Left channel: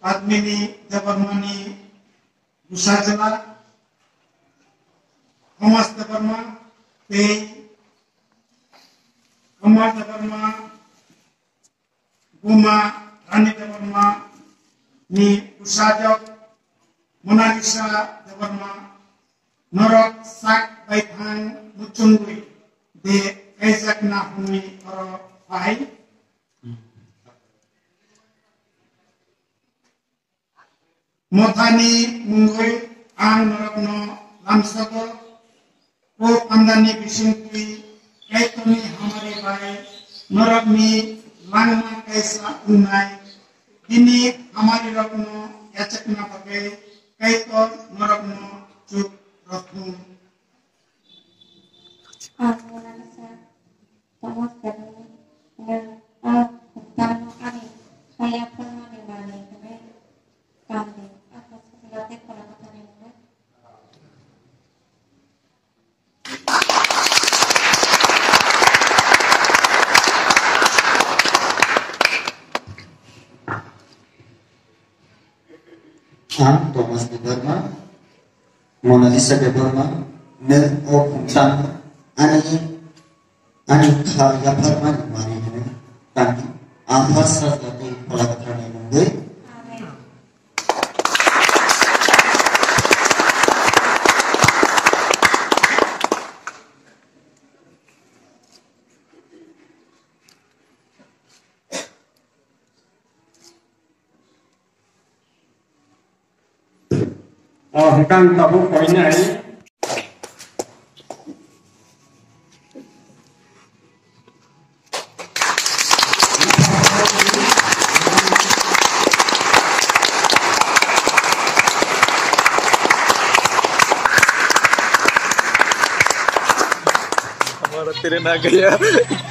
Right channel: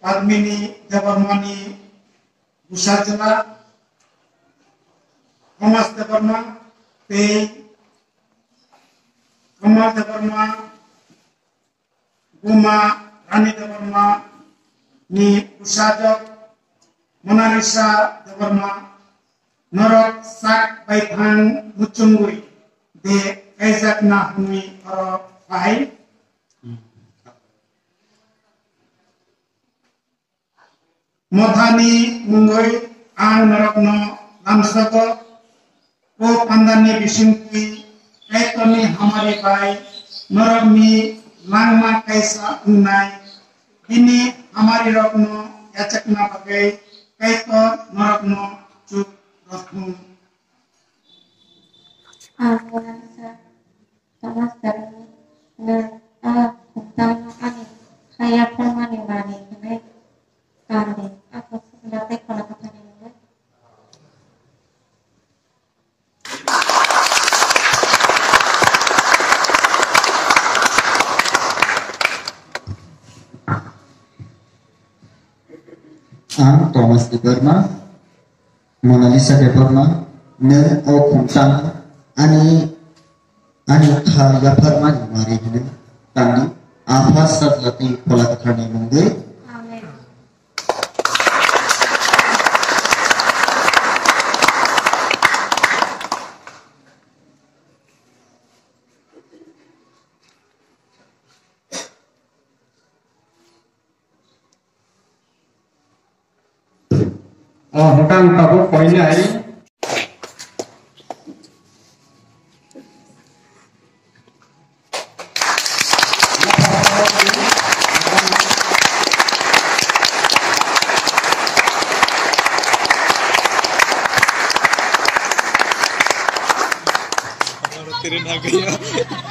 Padmini Devarmani Busajala Thomas Devarma Pei Kumar Devarma Guma Rani Devarma Ni Usajak Monalisa Devarma Norok Sak Baithang Muchungui De Kaizak Nahumi Oro Pai Mothani Mungoi Ang Norokno Lamsako Ko Pandani Bisingkui Kaitoni Hamari Pai Norokni Langma Kaisa Unai Ini Hamari Rokno Yachakna Pakai Kaito Norokno Chuk Rokno Thomas dari tentang ani saya permani mani ini kali aku sebenarnya kalau katanya ini Thomas Devarma Monalisa Devarma ne o tentang ani khaya permani mari ini tani apa sahaja pola katanya mungkin Hengkang tahu poinnya ini.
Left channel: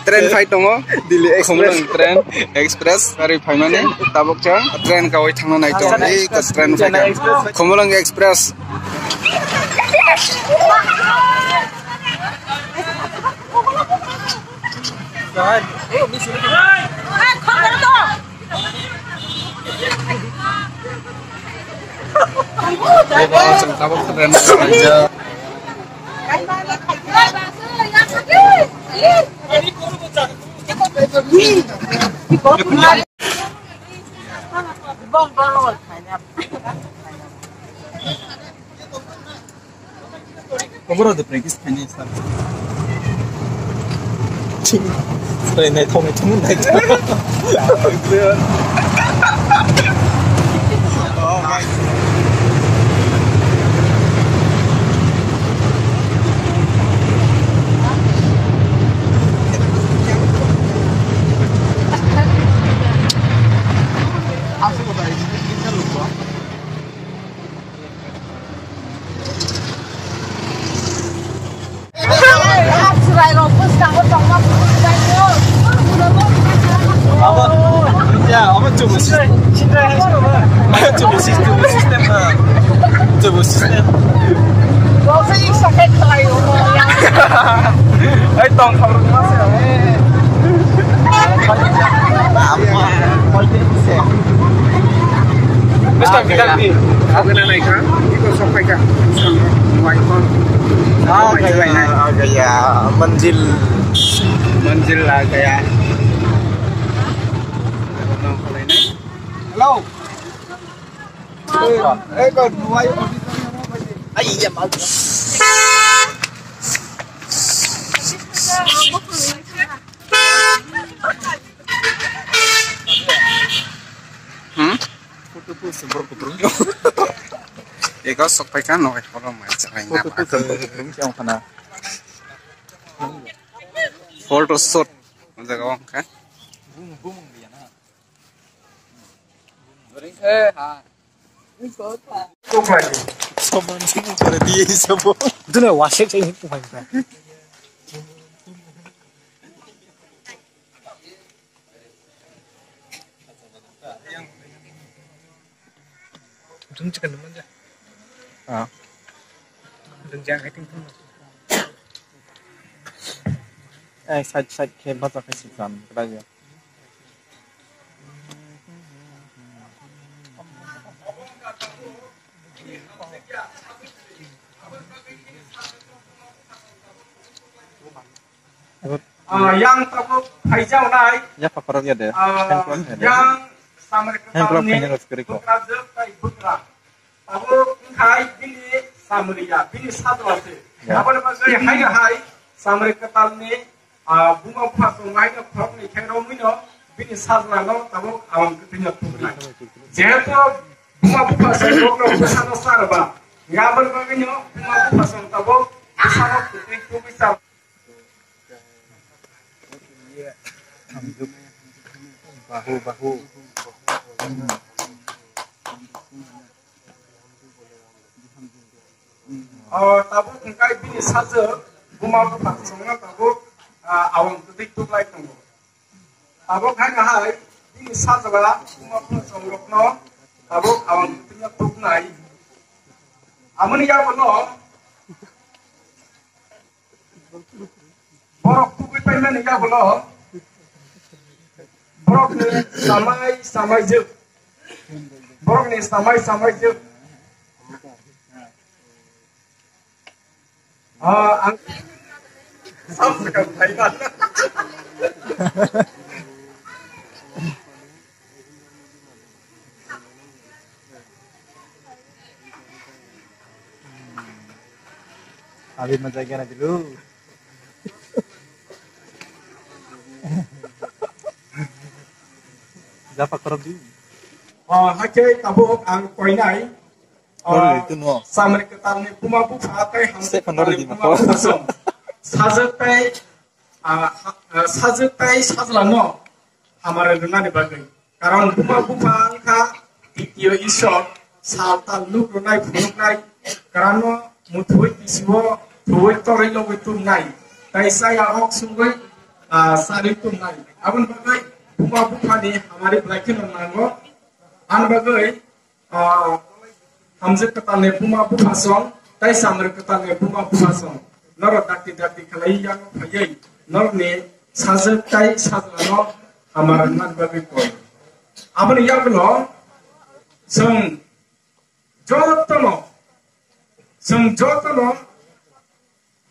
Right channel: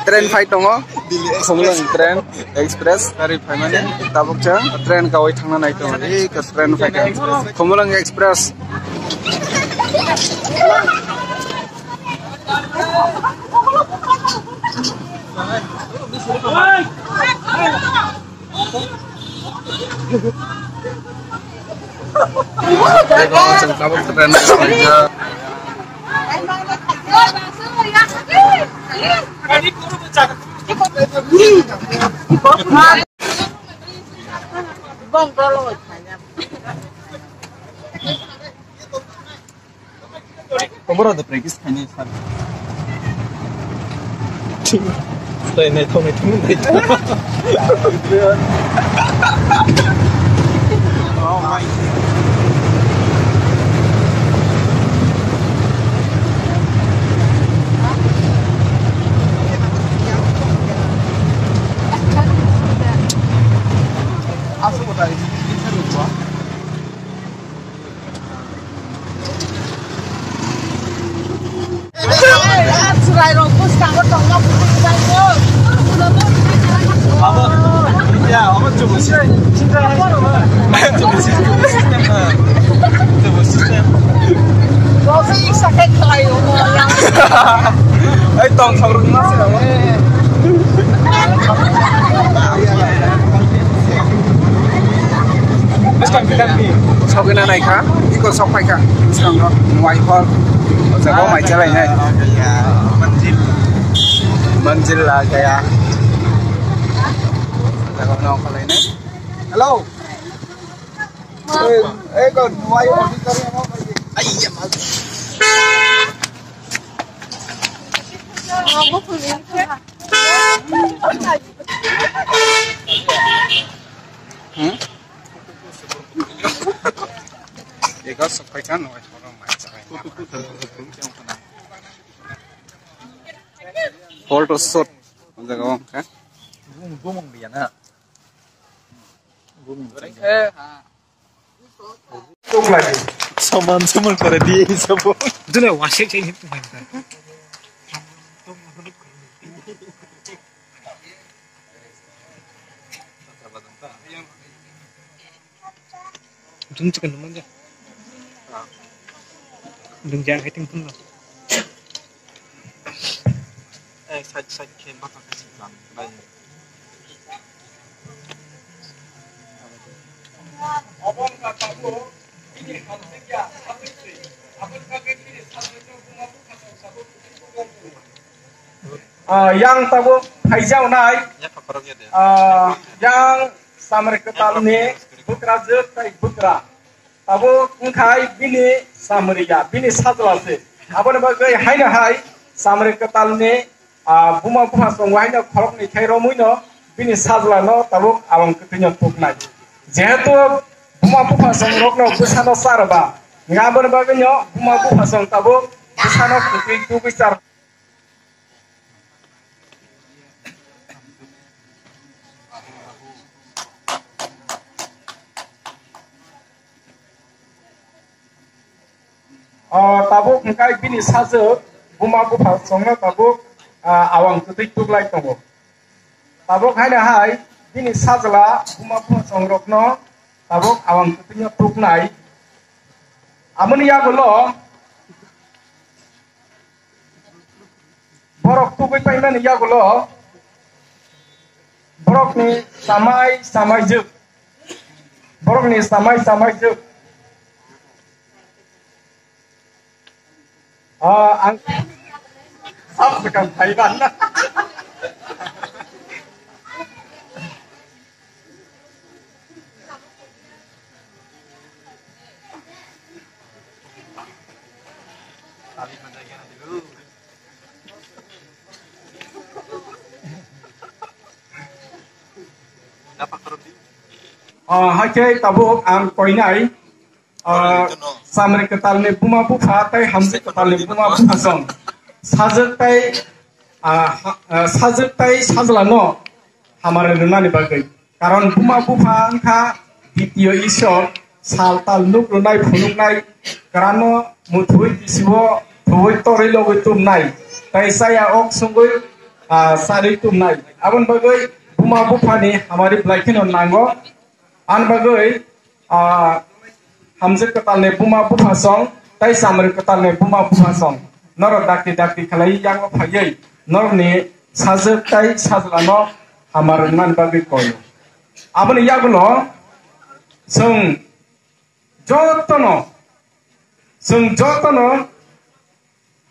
Tren fai tongo dili khomlang tren express kari fai mane tabok jang tren kawai thangna nai tongo ei ka tren fai ka khomlang express tabok tren aja Kamu udah pergi Spanyol sekarang? Saya ini temen aja. Oh my. Ay, tong saurus mas ya. Mesti kita ni. Saukena naik kan? Ikut sampai kan? Sekarang white hall. Saya mau jalan ni. Kayak manjil lah kayak. Jangan nak kalau ini. Hello. Kon white auditor yang mau pergi. Iya mau. Ikaw sakay ka no, kalau may sakay nga pa. Photo shoot, ano gawin ka? Gumong diyan ha. Gumong. Kok lagi? Saman pada dia semua. Itu nih wasik ini pemain kan. Dung chicken teman aja. Dung jangan hitung pun lo. Side hebat pakai sikan, kerja. yang tahu haijau naik yang samar ketal ni putra jetai putra tahu engkai bini samariya bini sadwase apa ni bagai hai na hai samar ketal ni buma buma songwai na kholok ni khairo muino bini sadla no tahu awang ketunya tuknai jehetu buma buma songwok no busano sarba ngabon bagai nyo buma buma song tahu busano ketuy tubisar bahu tabuk engkai bini saje buma bupa songno tabuk awang kutik tuklai tongo tabuk haina hai bini sajela buma bupa songrokno tabuk awang kutiknya tuknai amuni ya bolo borok tukai painan ya bolo borok ni samai juk borok ni samai juk ang sekarang Thailand Abi menjaga dulu. Dapat pergi. Hakai tabuk ang koinai. Samre ketal ni buma bufa tai hamse ketal ni buma bufa song. Sajak tai sajlango hamare luna ni bagai. Karon buma bufa angka ditio isok saltal nuk lunai phunuk nai karano muthui isibo thoi torai logoi tum nai. Tai saya ok sungoi sari tum nai. Abon bagai buma bufa ni hamare blaikin on nango an bagai hamzat ketal ne buma bufa song tai samar ketal ne buma bufa song nor dakti khalai yang phayai nor ne sajak tai sajlano hamar nan bagai koy amani yagulo sung jotono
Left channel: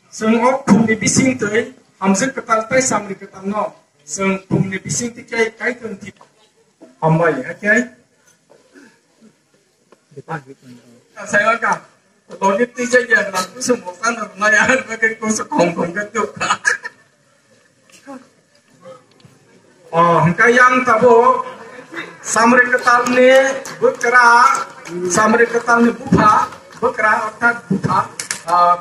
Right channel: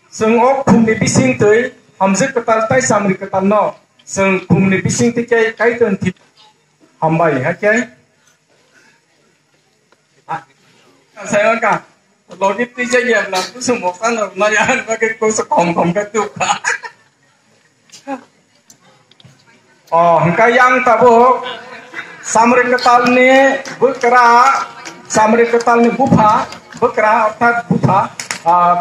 sung ok phumni bising tei hamzat ketal tai samar ketal no sung phumni bising te kai ton thip hambai ha kai saya kan logik tiga yang lalu semua kan nayan bagi kau sekongkong ketuk. Hingga yang tahu samri ketal ni berkera samri ketal ni bupa berkera otak bupa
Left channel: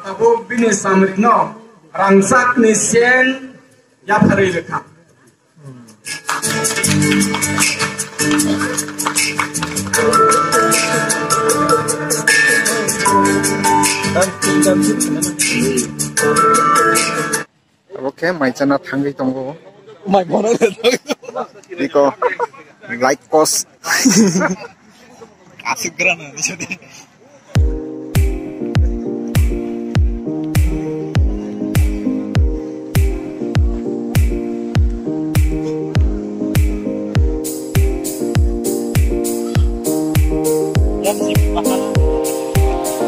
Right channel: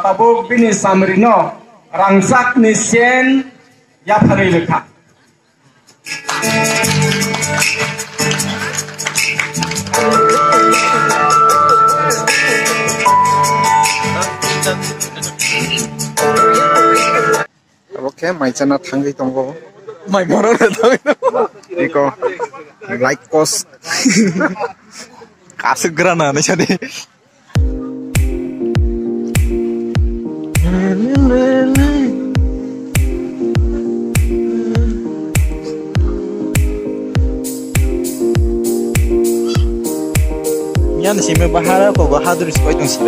tahu bini samri no rangsak ni sen ya hari lekah. Oke, mai chana thangai tongo. Mai moro le tongo. Iko like cost. Kasih gerana nih jadi. Yan sih membahas apa bahas terus kau itu sih.